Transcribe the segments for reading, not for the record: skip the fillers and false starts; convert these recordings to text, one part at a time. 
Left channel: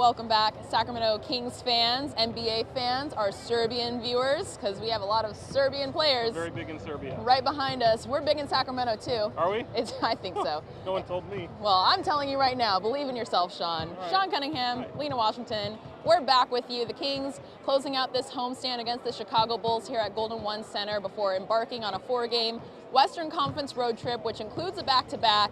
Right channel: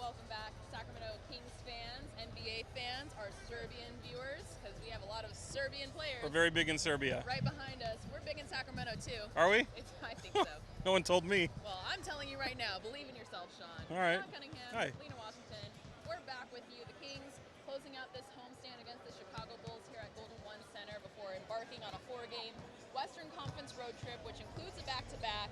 welcome back, Sacramento Kings fans, NBA fans, our Serbian viewers, because we have a lot of Serbian players. We're very big in Serbia. Right behind us. We're big in Sacramento too. Are we? I think so. No one told me. Well, I'm telling you right now, believe in yourself, Sean. Right. Sean Cunningham, Hi. Lina Washington. We're back with you. The Kings closing out this homestand against the Chicago Bulls here at Golden One Center before embarking on a 4-game Western Conference road trip, which includes a back-to-back.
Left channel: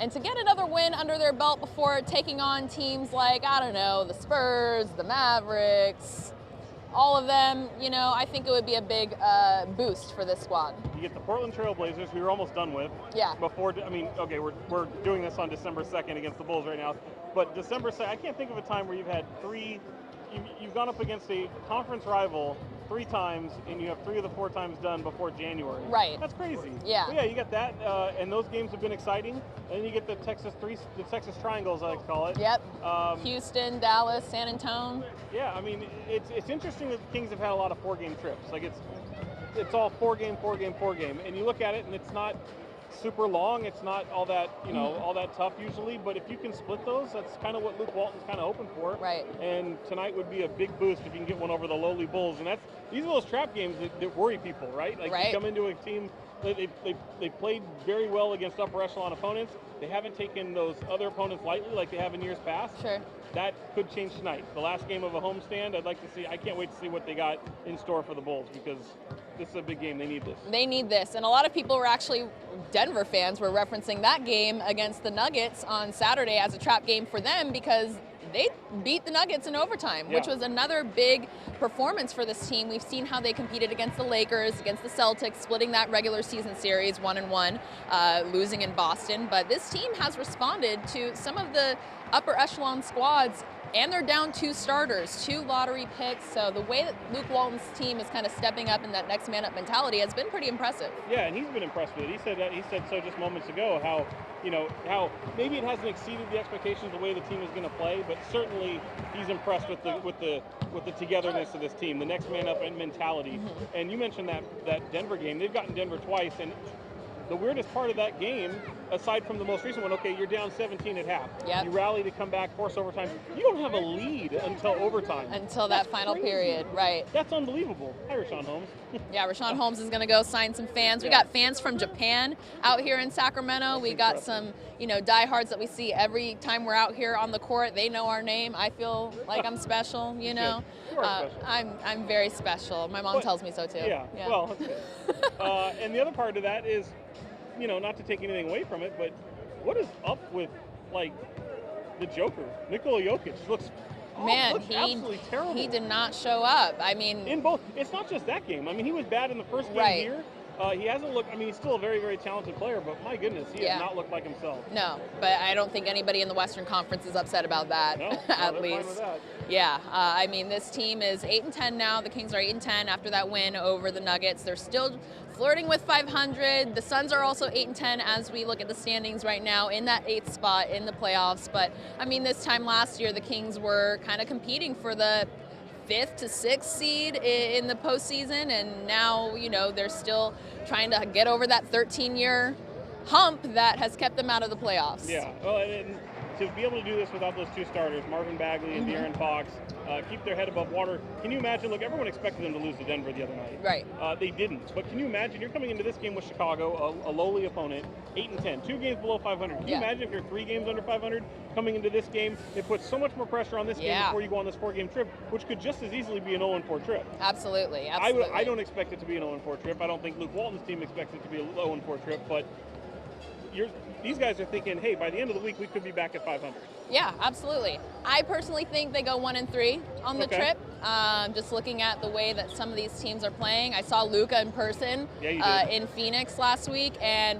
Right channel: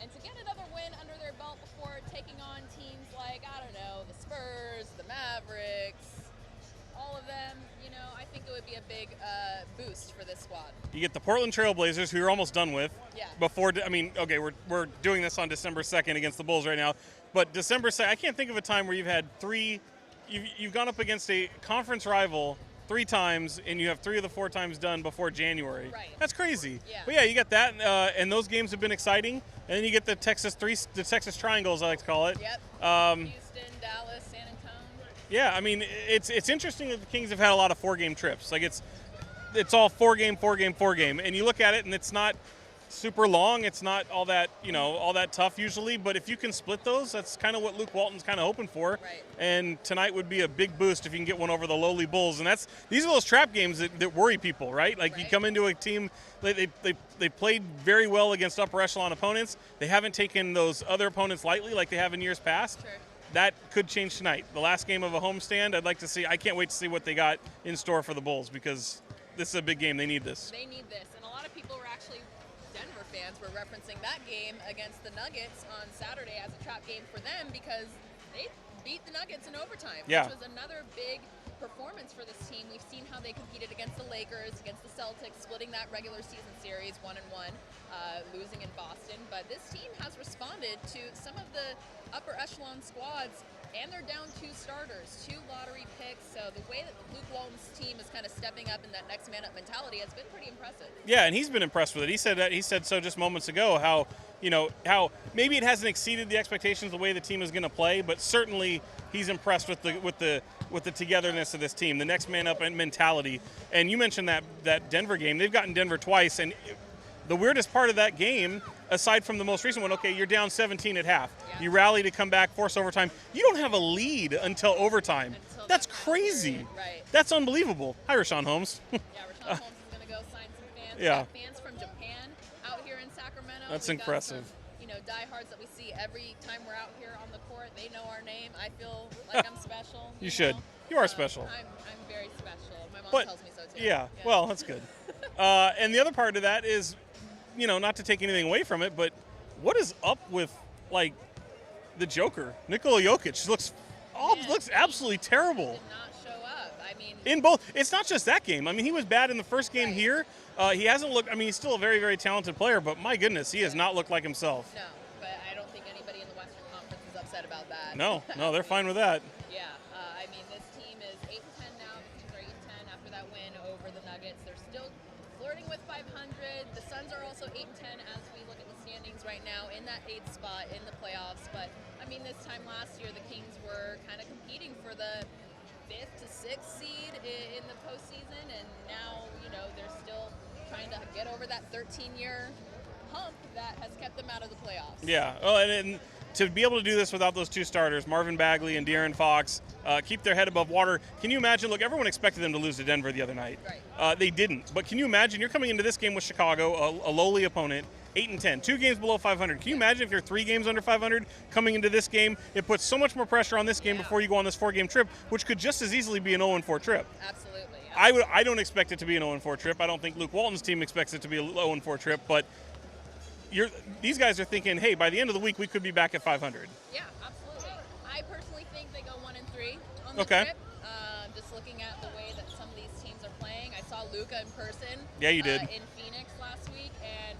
And to get another win under their belt before taking on teams like, I don't know, the Spurs, the Mavericks, all of them, you know, I think it would be a big boost for this squad. You get the Portland Trail Blazers, who you're almost done with. Yeah. Before, I mean, okay, we're doing this on December 2nd against the Bulls right now, but December 2nd, I can't think of a time where you've had you've gone up against a conference rival 3 times, and you have 3 of the 4 times done before January. Right. That's crazy. Yeah. But yeah, you got that, and those games have been exciting. And then you get the Texas Triangle, as I like to call it. Yep. Houston, Dallas, San Antonio. Yeah, I mean, it's interesting that the Kings have had a lot of 4-game trips. Like it's all 4-game, and you look at it, and it's not super long. It's not all that, all that tough usually, but if you can split those, that's kind of what Luke Walton's kind of hoping for. Right. And tonight would be a big boost if you can get one over the lowly Bulls. And these are those trap games that worry people, right? Like right. You come into a team, they played very well against upper echelon opponents. They haven't taken those other opponents lightly like they have in years past. Sure. That could change tonight. The last game of a homestand, I can't wait to see what they got in store for the Bulls, because this is a big game. They need this. They need this. And a lot of people were actually, Denver fans were referencing that game against the Nuggets on Saturday as a trap game for them, because they beat the Nuggets in overtime, yeah. which was another big performance for this team. We've seen how they competed against the Lakers, against the Celtics, splitting that regular season series 1-1, losing in Boston. But this team has responded to some of the upper echelon squads, and they're down 2 starters, 2 lottery picks. So the way that Luke Walton's team is kind of stepping up in that next man up mentality has been pretty impressive. Yeah, and he's been impressed with it. He said so just moments ago, how maybe it hasn't exceeded the expectations the way the team is going to play, but certainly he's impressed with the togetherness of this team, the next man up mentality. Mm-hmm. And you mentioned that Denver game. They've gotten Denver twice, and the weirdest part of that game, aside from the most recent one, okay, you're down 17 at half. Yep. You rally to come back, force overtime. You don't have a lead until overtime. Until That's that final crazy. period, right. That's unbelievable. Hi, Rashawn Holmes. Yeah, Rashawn Holmes is going to go sign some fans. We Yeah. got fans from Japan out here in Sacramento. That's We got impressive. some, diehards that we see every time we're out here on the court. They know our name. I feel like I'm special, you know. Should. You are special. I'm very special. My mom tells me so too. Yeah, well, that's good. And the other part of that is, not to take anything away from it, but what is up with, the Joker? Nikola Jokic looks absolutely terrible. He did not show up. I mean, in both, it's not just that game. I mean, he was bad in the first game right. here. He hasn't looked, he's still a very, very talented player, but my goodness, he has not looked like himself. No, but I don't think anybody in the Western Conference is upset about that. No, they're fine with that. Yeah, this team is 8-10 now. The Kings are 8-10 after that win over the Nuggets. They're still flirting with 500. The Suns are also 8-10 as we look at the standings right now in that 8th spot in the playoffs. But, this time last year, the Kings were kind of competing for the 5th to 6th seed in the postseason, and now, they're still trying to get over that 13-year hump that has kept them out of the playoffs. Yeah, well, and to be able to do this without those 2 starters, Marvin Bagley and De'Aaron Fox, keep their head above water. Can you imagine? Look, everyone expected them to lose to Denver the other night. Right. They didn't. But can you imagine? You're coming into this game with Chicago, a lowly opponent, 8-10, 2 games below 500. Can you imagine if you're 3 games under 500 coming into this game? It puts so much more pressure on this game before you go on this 4-game trip, which could just as easily be an 0-4 trip. Absolutely. I don't expect it to be an 0-4 trip. I don't think Luke Walton's team expects it to be a 0-4 trip, but these guys are thinking, hey, by the end of the week, we could be back at 500. Yeah, absolutely. I personally think they go 1-3 on the trip. Just looking at the way that some of these teams are playing. I saw Luka in person in Phoenix last week, and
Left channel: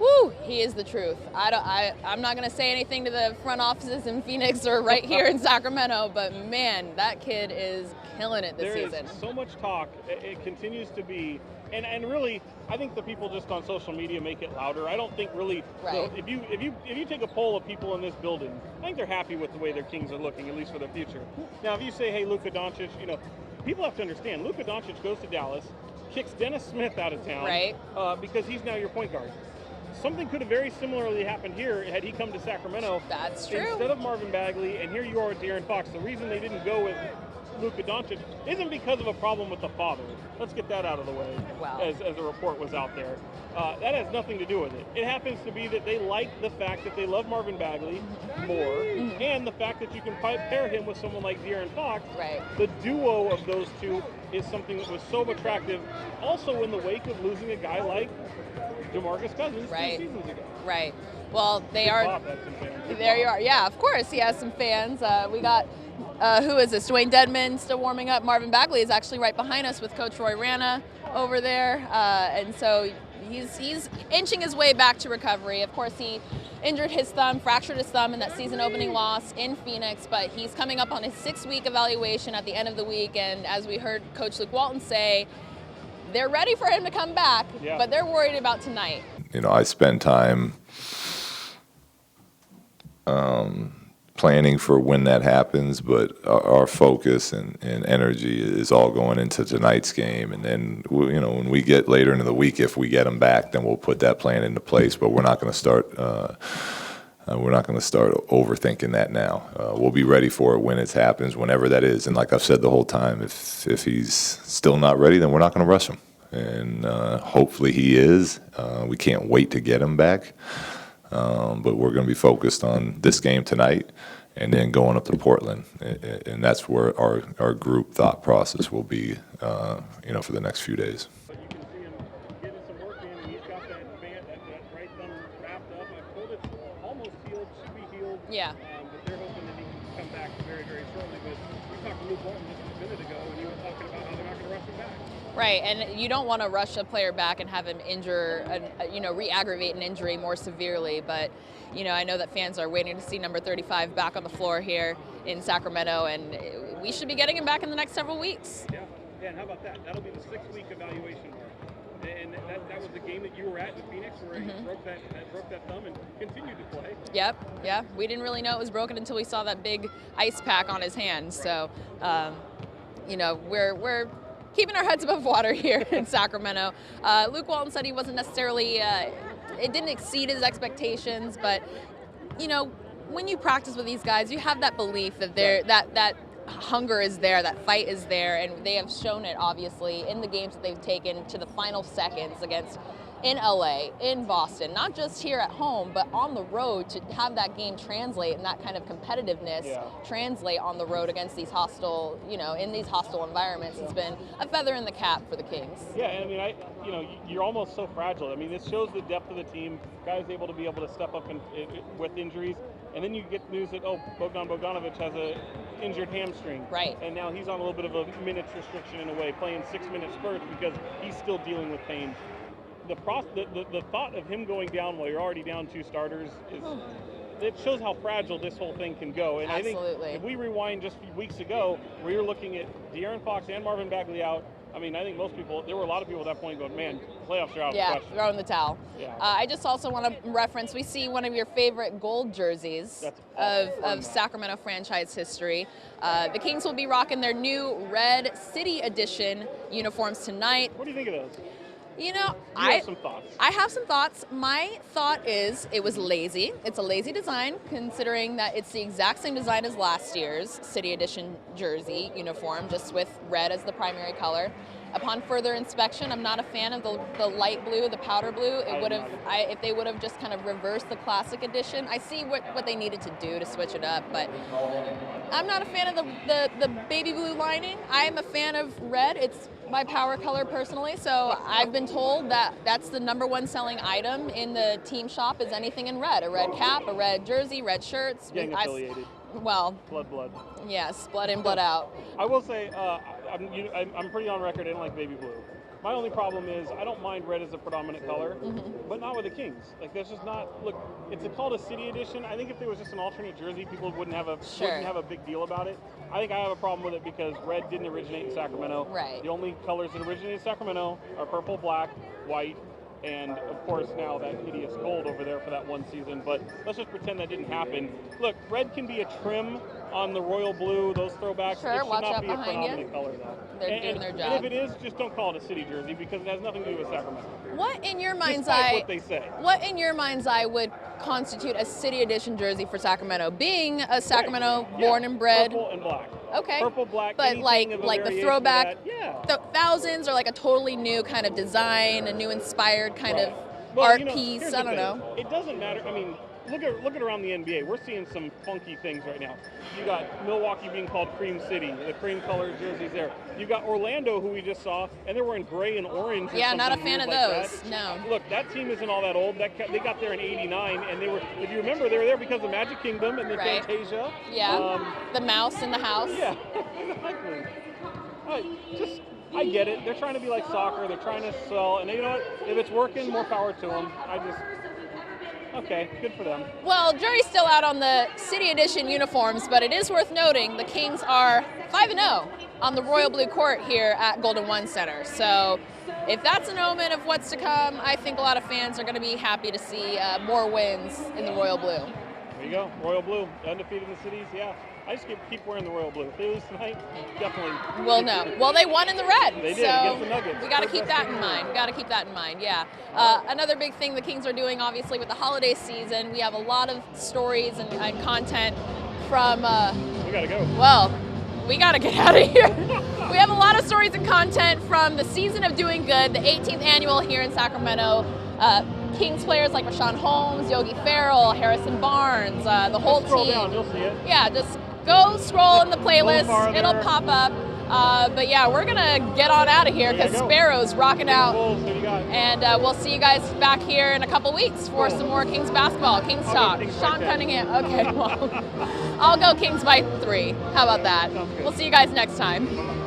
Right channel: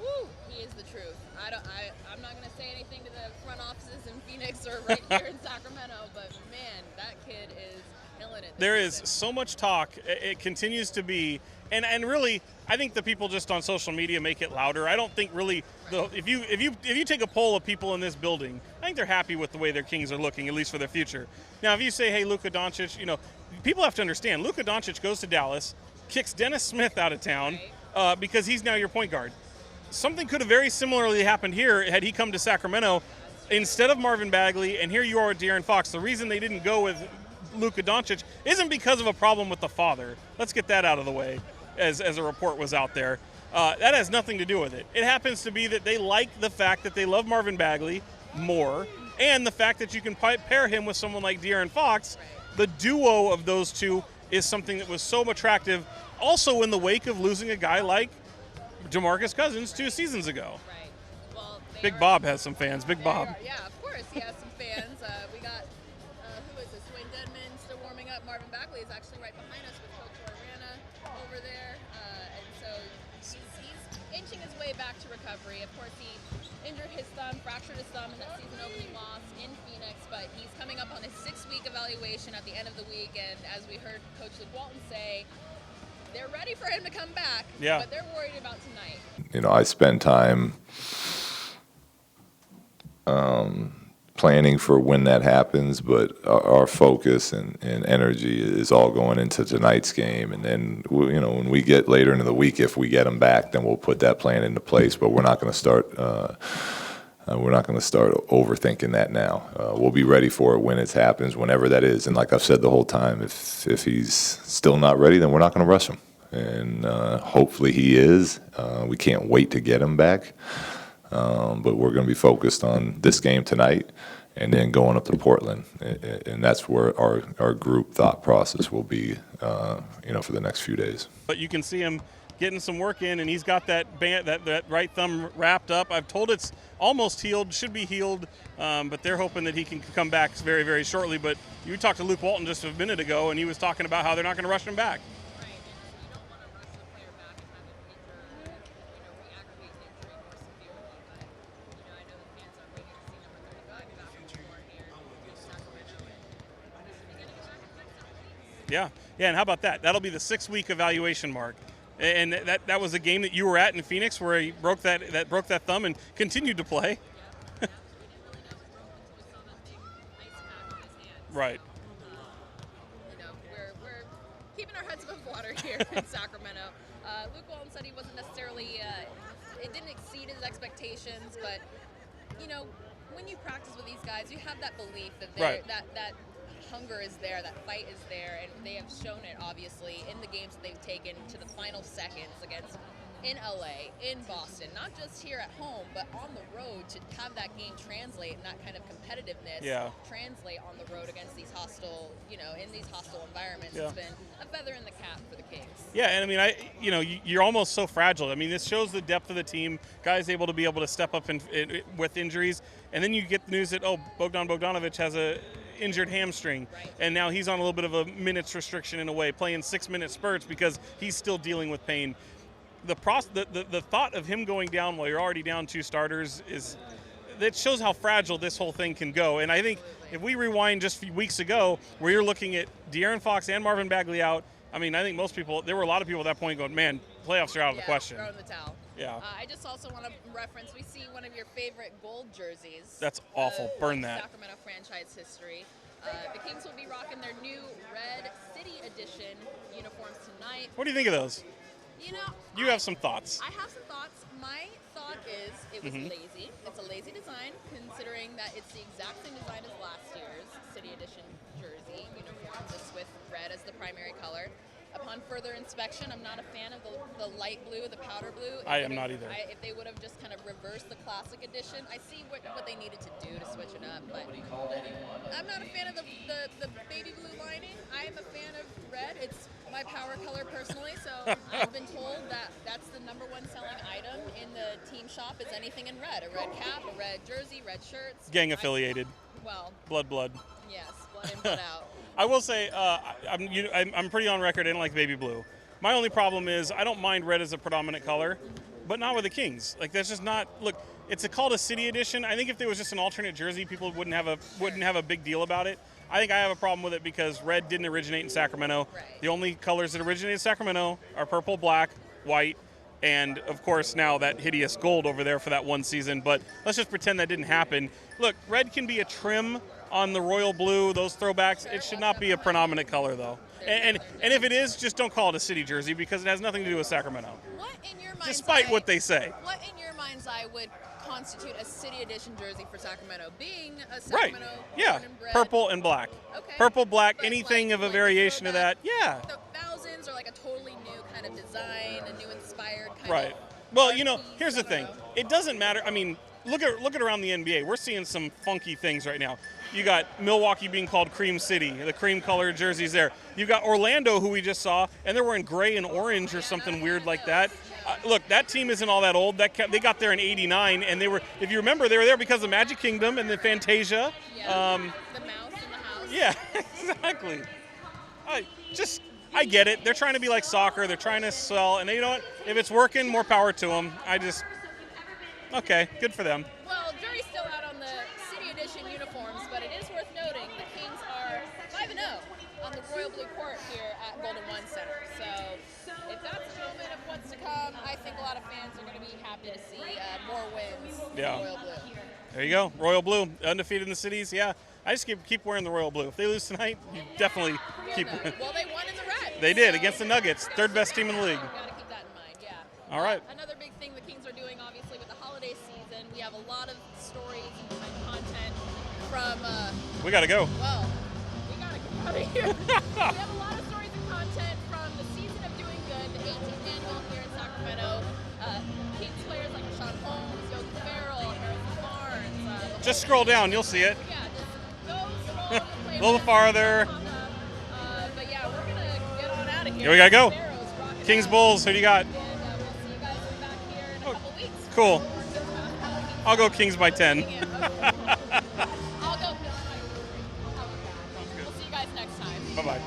woo, he is the truth. I'm not going to say anything to the front offices in Phoenix or right here in Sacramento, but man, that kid is killing it this season. There is so much talk. It continues to be. And really, I think the people just on social media make it louder. I don't think really, if you take a poll of people in this building, I think they're happy with the way their Kings are looking, at least for their future. Now, if you say, hey, Luka Doncic, people have to understand, Luka Doncic goes to Dallas, kicks Dennis Smith out of town because he's now your point guard. something could have very similarly happened here had he come to Sacramento. That's true. Instead of Marvin Bagley, and here you are with De'Aaron Fox. The reason they didn't go with Luka Doncic isn't because of a problem with the father. Let's get that out of the way. Wow. As a report was out there. That has nothing to do with it. It happens to be that they like the fact that they love Marvin Bagley more, and the fact that you can pair him with someone like De'Aaron Fox. Right. The duo of those two is something that was so attractive, also in the wake of losing a guy like DeMarcus Cousins 2 seasons ago. Right. Well, Big Bob has some fans. Big there Bob. You are. Yeah, of course he has some fans. We got, who is this? Dwayne Dedman still warming up. Marvin Bagley is actually right behind us with Coach Roy Rana over there. And so he's inching his way back to recovery. Of course, he injured his thumb, fractured his thumb in that season opening loss in Phoenix, but he's coming up on his 6-week evaluation at the end of the week. And as we heard Coach Luke Walton say, they're ready for him to come back, but they're worried about tonight. You know, I spend time planning for when that happens, but our focus and energy is all going into tonight's game. And then, you know, when we get later into the week, if we get them back, then we'll put that plan into place. But we're not going to start. We're not going to start overthinking that now. We'll be ready for it when it happens, whenever that is. And like I've said the whole time, if he's still not ready, then we're not going to rush him. And hopefully he is. We can't wait to get him back. But we're going to be focused on this game tonight and then going up to Portland. And that's where our group thought process will be, you know, for the next few days. But you can see him getting some work in, and he's got that right thumb wrapped up. I've told it's almost healed, should be healed. Yeah. But they're hoping that he can come back very, very shortly. But you talked to Luke Walton just a minute ago, and he was talking about how they're not going to rush him back. Right, and you don't want to rush a player back and have him re-aggravate an injury more severely. But, you know, I know that fans are waiting to see number 35 back on the floor here in Sacramento, and we should be getting him back in the next several weeks. Yeah, and how about that? That'll be the 6-week evaluation mark. And that was a game that you were at in Phoenix where he broke that thumb and continued to play. Yep, yeah. We didn't really know it was broken until we saw that big ice pack on his hand. Right. So, you know, we're keeping our heads above water here in Sacramento. Luke Walton said he wasn't necessarily, it didn't exceed his expectations, but, you know, when you practice with these guys, you have that belief that that hunger is there, that fight is there, and they have shown it, obviously, in the games that they've taken to the final seconds against in LA, in Boston, not just here at home, but on the road, to have that game translate and that kind of competitiveness translate on the road against these hostile, you know, in these hostile environments. It's been a feather in the cap for the Kings. Yeah, and I mean, you're almost so fragile. I mean, this shows the depth of the team. Guys able to step up with injuries, and then you get the news that Bogdan Bogdanovic has a injured hamstring. Right. And now he's on a little bit of a minutes restriction in a way, playing 6-minute spurts because he's still dealing with pain. The thought of him going down while you're already down 2 starters that shows how fragile this whole thing can go. And Absolutely. I think if we rewind just a few weeks ago, where you're looking at De'Aaron Fox and Marvin Bagley out, I mean, I think there were a lot of people at that point going, man, playoffs are out of the question. Throwing the towel. Yeah. I just also want to reference, we see one of your favorite gold jerseys That's awful. of Sacramento franchise history. The Kings will be rocking their new Red City Edition uniforms tonight. What do you think of those? You know, I have some thoughts. I have some thoughts. My thought is it was lazy. It's a lazy design, considering that it's the exact same design as last year's City Edition jersey uniform, just with red as the primary color. Upon further inspection, I'm not a fan of the light blue, the powder blue. If they would have just kind of reversed the classic edition. I see what they needed to do to switch it up, but I'm not a fan of the baby blue lining. I'm a fan of red. It's my power color personally, so I've been told that that's the #1 selling item in the team shop is anything in red. A red cap, a red jersey, red shirts. Gang affiliated. Well. Blood. Yes, blood in, blood out. I will say, I'm pretty on record, I don't like baby blue. My only problem is I don't mind red as a predominant color, but not with the Kings. Like, that's just not, look, it's called a City Edition. I think if there was just an alternate jersey, people wouldn't have a big deal about it. I think I have a problem with it because red didn't originate in Sacramento. Right. The only colors that originate in Sacramento are purple, black, white, and of course now that hideous gold over there for that one season. But let's just pretend that didn't happen. Look, red can be a trim on the royal blue, those throwbacks. Sure, it should not be a predominant color, though. They're doing their And job. if it is, just don't call it a city jersey because it has nothing to do with Sacramento. What in your mind's despite eye? what they say. What in your mind's eye would constitute a city edition jersey for Sacramento? Being a Sacramento born and bred. Purple and black. Okay. Purple, black, but anything of a like variation the throwback, of that. Yeah. The thousands, or like a totally new kind of design, a new inspired kind of Well, art you know, piece. here's I the don't thing. know. It doesn't matter. I mean, look at around the NBA. We're seeing some funky things right now. You got Milwaukee being called Cream City, the cream colored jerseys there. You got Orlando, who we just saw, and they're wearing gray and orange or Yeah, not a something fan weird of like those. that. No. Look, that team isn't all that old. They got there in '89, and they were, if you remember, they were there because of Magic Kingdom and the Right. Fantasia. Yeah. The mouse in the house. Yeah, exactly. I get it. They're trying to be like soccer. They're trying to sell, and you know what? If it's working, more power to them. Okay, good for them. Well, jury's still out on the City Edition uniforms, but it is worth noting the Kings are 5-0 on the royal blue court here at Golden One Center. So if that's an omen of what's to come, I think a lot of fans are going to be happy to see more wins in the royal blue. There you go, royal blue, undefeated in the cities. Yeah, I just keep wearing the royal blue. If they lose tonight, you definitely. We'll know. Well, they won in the red. They did so against the Nuggets. We got to third keep best that team in in the league. mind. Got to keep that in mind. Yeah. All right. Another big thing the Kings are doing, obviously, with the holiday season, we have a lot of stories and content from. We got to go. Well, we got to get out of here. We have a lot of stories and content from the season of doing good, the 18th annual here in Sacramento. Kings players like Rashawn Holmes, Yogi Ferrell, Harrison Barnes, the whole team. Just scroll down, you'll see it. Yeah, just go scroll in the playlist. farther. It'll pop up. But yeah, we're going to get on out of here. We gotta go. Sparrows rocking Kings out. Bulls, who do you got? And we'll see you guys back here in a couple weeks for Cool. some more Kings basketball. Kings I'll go talk. Kings by Sean 10. Cunningham. Okay, well, I'll go Kings by 3. How about that? We'll see you guys next time. Bye-bye.